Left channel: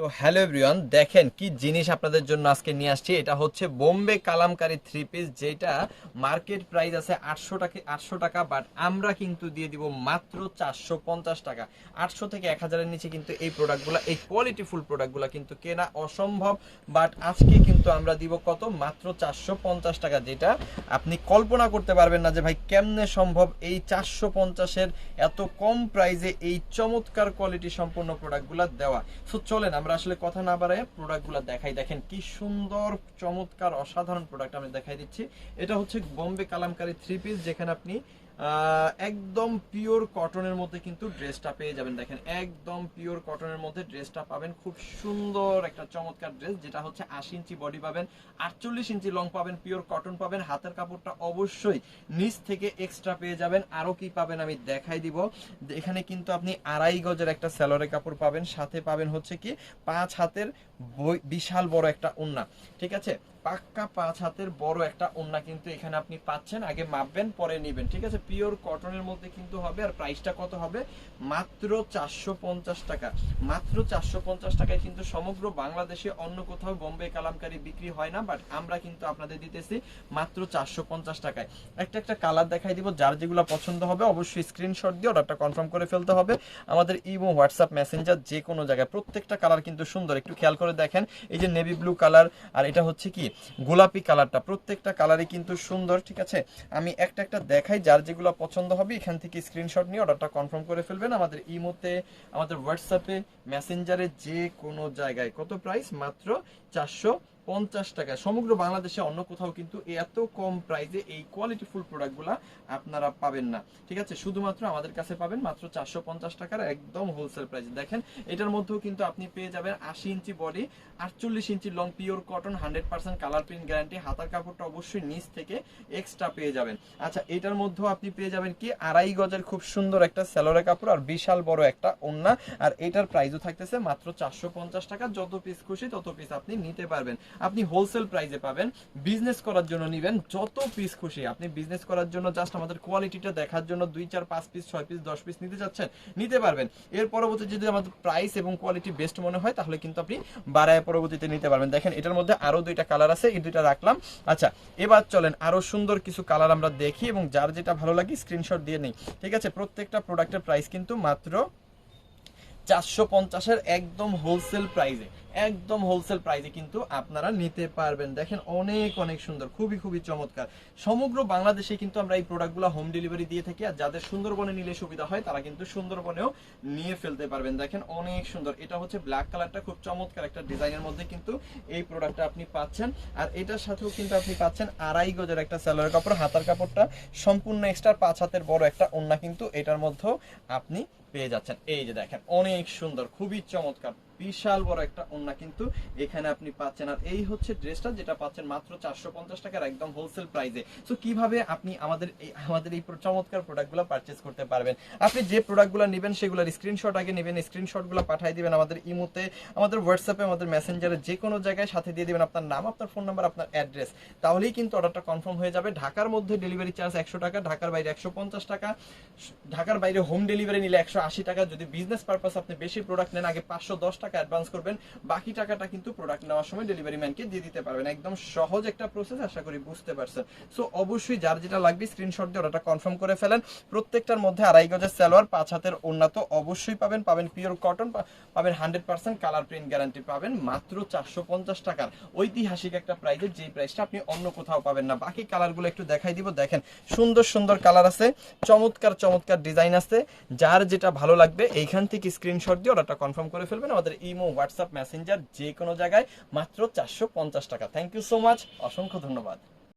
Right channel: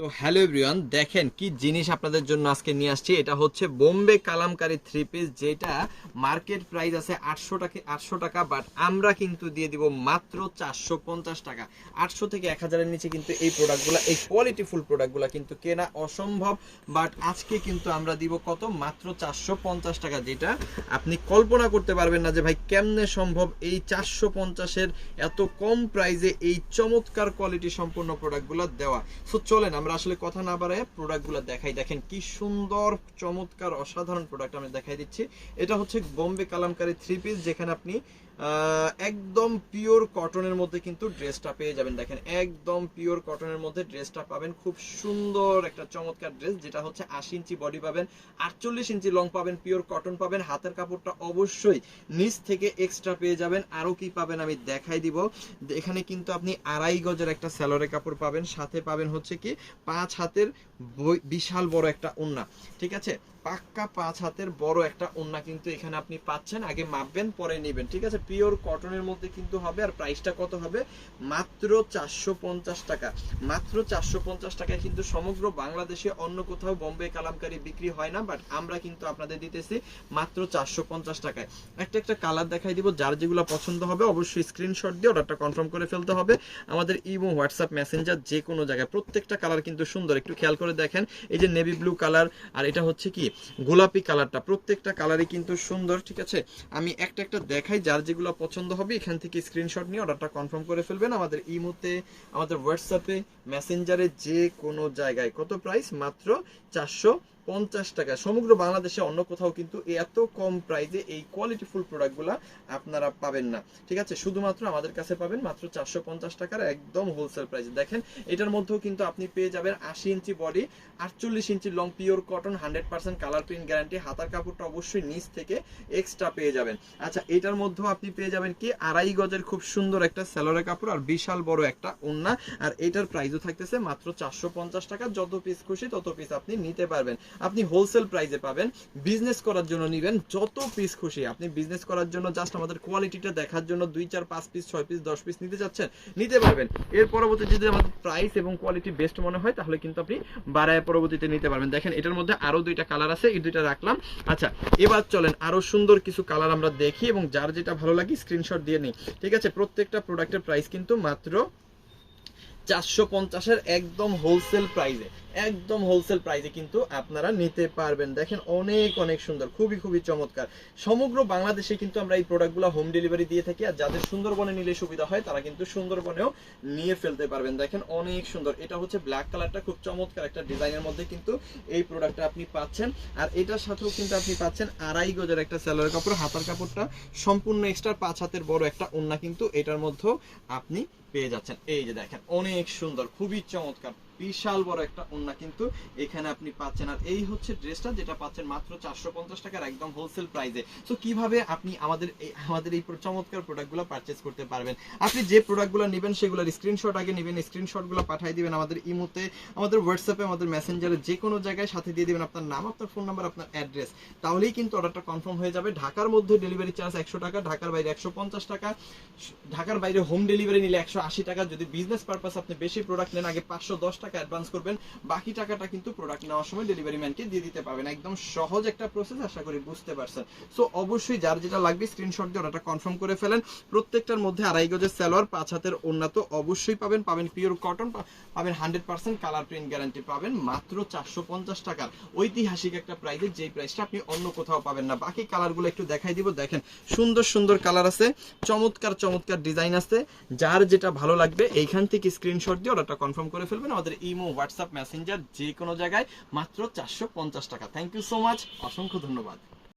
তো hello everyone, দেখেন কি জিনিস আপনাদের জন্য আজকে নিয়ে আসছি। এটা হচ্ছে বোম্বে কালামকারী থ্রি পিস, যেটা মার্কেট প্রাইস আছে 800 টাকা, বাট আমরা কিন্তু দিয়ে দিব মাত্র 450 টাকা। 800 থেকে 1000-এর নিচে কিন্তু এই প্রোডাক্টগুলো, এই কোয়ালিটিফুল প্রোডাক্টগুলো কিন্তু কেনা অসম্ভব। বাট আজকে কিন্তু আমরা দিব কত? মাত্র 450 টাকা, যেটা আপনি কল্পনা করতে পারবেন না যে ভাই কেমনে সম্ভব এই 450-এর এত কম প্রাইসে এই চমৎকার কোয়ালিটি সম্পন্ন প্রোডাক্টগুলো দেওয়া। সো চলেন আমরা আসলে কথা না বাড়ায় প্রোডাক্টগুলো দেখাই। দেখেন কি সুন্দর চমৎকার অসাধারণ প্রোডাক্ট আমি দেখাই দিচ্ছি। এটা হচ্ছে বোম্বে কালামকারী থ্রি পিস, যেখানে আপনি একদম পিওর কটনের মধ্যে কিন্তু ড্রেসটা পেয়ে যাবেন। দেখেন একদম পিওর কটনের মধ্যে ড্রেসটা পাবেন। খুব সুন্দর একটা চমৎকার ড্রেস, যেটা হচ্ছে 80 ইঞ্চি বডি পাবেন, 48 ইঞ্চি লং পাবেন, পিওর কটন পাবেন। হাতের কাপড়টা অবশ্যই নিচ থেকে এক্সট্রা পেয়ে যাবেন। আরো কি পাবেন আমি দেখাই দিব। এখানে কিন্তু আপনি 2.5 গজের একটা স্যালোরে কাপড় পাবেন, সাথে পাবেন হচ্ছে কি 5 হাতের বিশাল বড় একটা ওড়না। ঠিক আছে, পাক্কা 5 হাতের বড় একটা ওড়না কিন্তু এখানে আপনি পাচ্ছেন। আগে মাপবেন পরে নেবেন, ঠিক আছে। পিওর কটনের মধ্যে কিন্তু হবে। আর প্রাইসটা কত হবে? মাত্র 450 টাকা। মাত্র 450 টাকায় কিন্তু সমগ্র বাংলাদেশে অন্য কোথাও বোম্বে কালামকারী বিক্রি হয় না, বাট আমরা কিন্তু আপনাদের দিতেছি মাত্র 450 টাকায়। একটা একটা কালার দেখাই দিব, যার যেগুলো পছন্দ হবে অবশ্যই স্ক্রিনশট দিয়ে অর্ডারটা কনফার্ম করে ফেলতে হবে। আমাদের ইমো, হোয়াটসঅ্যাপ, মেসেঞ্জার যে কোনো জায়গায় প্রত্যেকটা কালার কিন্তু সুন্দর। একটু খেয়াল করে দেখেন, এই যে নেভি ব্লু কালার আর এটা হচ্ছে কি গোলাপি কালারটা, প্রত্যেকটা কালারই কিন্তু সুন্দর। ঠিক আছে, আমি একটা একটা দেখাই, যার যেগুলো পছন্দ হবে এখান থেকে স্ক্রিনশট নিয়ে অর্ডারটা কনফার্ম করে ফেলবেন। আমাদের ইমোতে, আমাদের হোয়াটসঅ্যাপে, মেসেঞ্জারে যে কোনো জায়গায়। কত প্রাইস? মাত্র 450 টাকা। সমগ্র বাংলাদেশে অন্য কোথাও কিন্তু এত কম প্রাইসে এই কোয়ালিটিফুল প্রোডাক্টগুলো আপনারা পাবেন না। ঠিক আছে, শুধুমাত্র আমাদের কাছে পাবেন মাত্র 450 টাকার একদম হোলসেল প্রাইসে। দেখেন এটার মধ্যেও কিন্তু আপনি পেয়ে যাবেন 80 inch body, 48 inch long, pure cotton, 100% colour print guarantee. হাতার কাপড়টা অবশ্যই নিচ থেকে এক্সট্রা পেয়ে যাবেন। আচ্ছা, এটার মধ্যেও আপনি পেয়ে যাবেন কি 2.5 গজের খুব সুন্দর একটা স্যালোরে কাপড় আর বিশাল বড় একটা ওড়না। আর এটার প্রাইসও থাকতেছে মাত্র 450 টাকা। যত পিস খুশি তত পিস আপনি নিতে পারবেন। আপনি হোলসেল প্রাইসে পাবেন। বিজনেস করার জন্য নিবেন যত পিস খুশি। আপনি বিজনেস করার জন্য জাস্ট আমাদের কোয়ালিটিটা দেখার জন্য 2, 4, 5 পিস, 6 পিস, 10 পিস নিতে যাচ্ছেন, নিতে পারবেন। এর পরবর্তী যদি আমাদের প্রাইস এবং কোয়ালিটি বেস্ট মনে হয় তাহলে কিন্তু আপনি বাড়ায় পরবর্তীতে নিতে পারবেন। দেখেন এটার মধ্যে আরো 2টা কালার আছে, এই 2টা রাখলাম। আচ্ছা, এবার চলেন আরো সুন্দর কিছু কালার আমরা দেখি এবং যার যেটা ভালো লাগে স্ক্রিনশট দিয়ে নেই। ঠিক আছে, প্রত্যেকটা প্রোডাক্টের প্রাইস কিন্তু মাত্র 450-এর একদম হোলসেল প্রাইসে, একদম হোলসেল প্রাইসে কিন্তু আপনারা নিতে পারবেন। দেখেন অনেক অনেক সুন্দর, খুবই খুবই চমৎকার। সমগ্র বাংলাদেশে কিন্তু আমরা এই প্রোডাক্টগুলো হোম ডেলিভারি দিয়ে থাকি। আর যাদের সুন্দরবনে নিলে সুবিধা হয় তারা কিন্তু সুন্দরবনেও নিয়ে ফেলতে পারবেন। দেখেন অনেক সুন্দর। এটা হচ্ছে ব্ল্যাক কালারটা, খুব চমৎকার একটা ডিজাইনের মধ্যে কিন্তু এই প্রোডাক্টটা আপনি পাচ্ছেন। আর এটার সাথেও কিন্তু আপনি পাচ্ছেন 2.5 গজের একটা স্যালোয়ার কাপড়, হাতার কাপড়টা সম্পূর্ণ এক্সট্রা, 5 হাতের বড় একটা ওড়না কিন্তু এটার মধ্যেও আপনি পেয়ে যাচ্ছেন। এই যে দেখেন অনেক সুন্দর, খুবই চমৎকার, বিশাল বড় একটা ওড়না কিন্তু এখানে আপনি পাচ্ছেন। আর এই হচ্ছে ড্রেসটা, যেটা পাচ্ছেন মাত্র 450 টাকার একদম হোলসেল প্রাইসে। সো কিভাবে আপনি আমাদের এই চমৎকার প্রোডাক্টগুলো পারচেজ করতে পারবেন? আপনি যে প্রোডাক্টগুলো নেবেন সেগুলোর স্ক্রিনশট আগে নেবেন, স্ক্রিনশটগুলো পাঠিয়ে দিবেন আমাদের ইমোতে, আমাদের হোয়াটসঅ্যাপে, আমাদের মেসেঞ্জারে, যে কোনো জায়গায় সাথে দিয়ে দিবেন আপনার নাম, আপনার ফোন নাম্বার, আপনার অ্যাড্রেস। তাহলেই কিন্তু অর্ডারটা কনফার্ম হয়ে যাবে। ঢাকার মধ্যে ডেলিভারি চার্জ 100 টাকা, ঢাকার বাইরে 150 টাকা, ঢাকার বাইরে হোম ডেলিভারি নিলে 180 টাকা। যদি বিজনেস পারপাস আপনি বেশি প্রোডাক্ট নেন, আগে 510 টাকা অ্যাডভান্স করবেন, বাকি টাকাটা কিন্তু প্রোডাক্ট নেওয়ার সময় ডেলিভারি ম্যানকে দিয়ে দিতে পারবেন। একদম সহজ একটা প্রসেস, আশা করি বুঝতে পারছেন। সো অবশ্যই যার যেটা লাগবে স্ক্রিনশট দিয়ে ওটা কনফার্ম করে ফেলেন। প্রত্যেকটার মধ্যে 2.5 গজের সালোয়ার, 5 হাতের ওড়না তো অবশ্যই পাবেন। পাবেন পিওর কটন, পাবেন 100% কালার প্রিন্ট গ্যারান্টি, পাবেন মাত্র 450 টাকার ঐতিহাসিক একটা প্রাইসে, যেই প্রাইসটা আপনি অন্য কোথাও পাবেন না। বাকি কালারগুলো একটু দেখাই দিব। দেখেন সুন্দর সুন্দর কালার আছে, চমৎকার চমৎকার ডিজাইন আছে। যার যেটা ভালো লাগবে এইখান থেকে স্ক্রিনশট দিয়ে অর্ডারটা কনফার্ম করে ফেলবেন। আমাদের ইমো, হোয়াটসঅ্যাপ, মেসেঞ্জার যে কোনো জায়গায় মাত্র 450 টাকা। থ্যাংক ইউ সো মাচ, অসংখ্য ধন্যবাদ।